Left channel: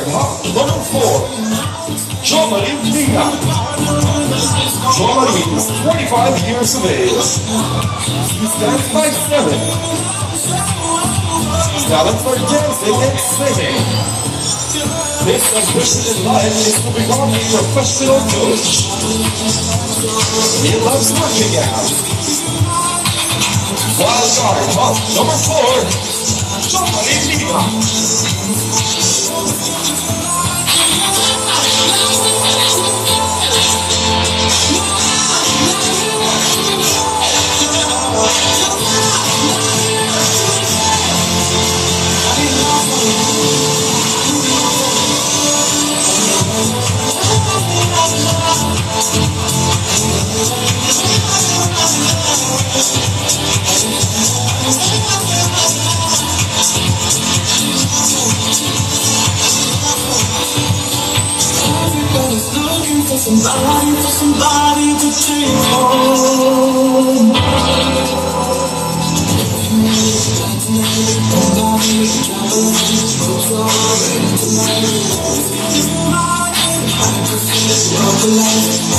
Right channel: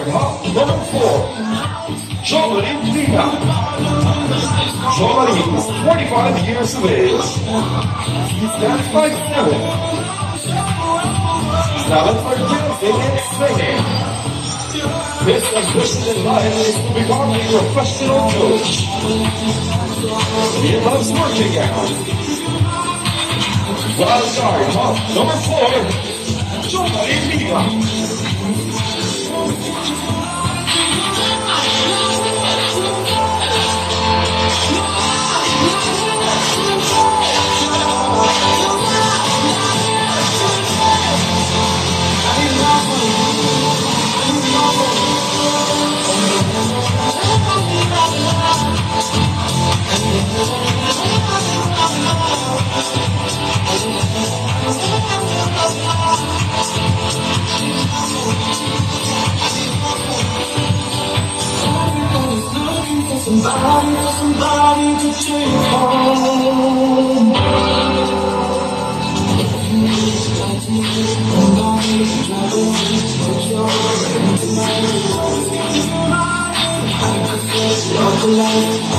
start, number 4, Jomarie Lina. Jomarie is 25 years of age. She stands 5'7". Talent for dancing and singing. His ambition in life is to become a professional coach. He loves working out. Wild card, number 4, Jomarie Lina. Somebody to take home. Life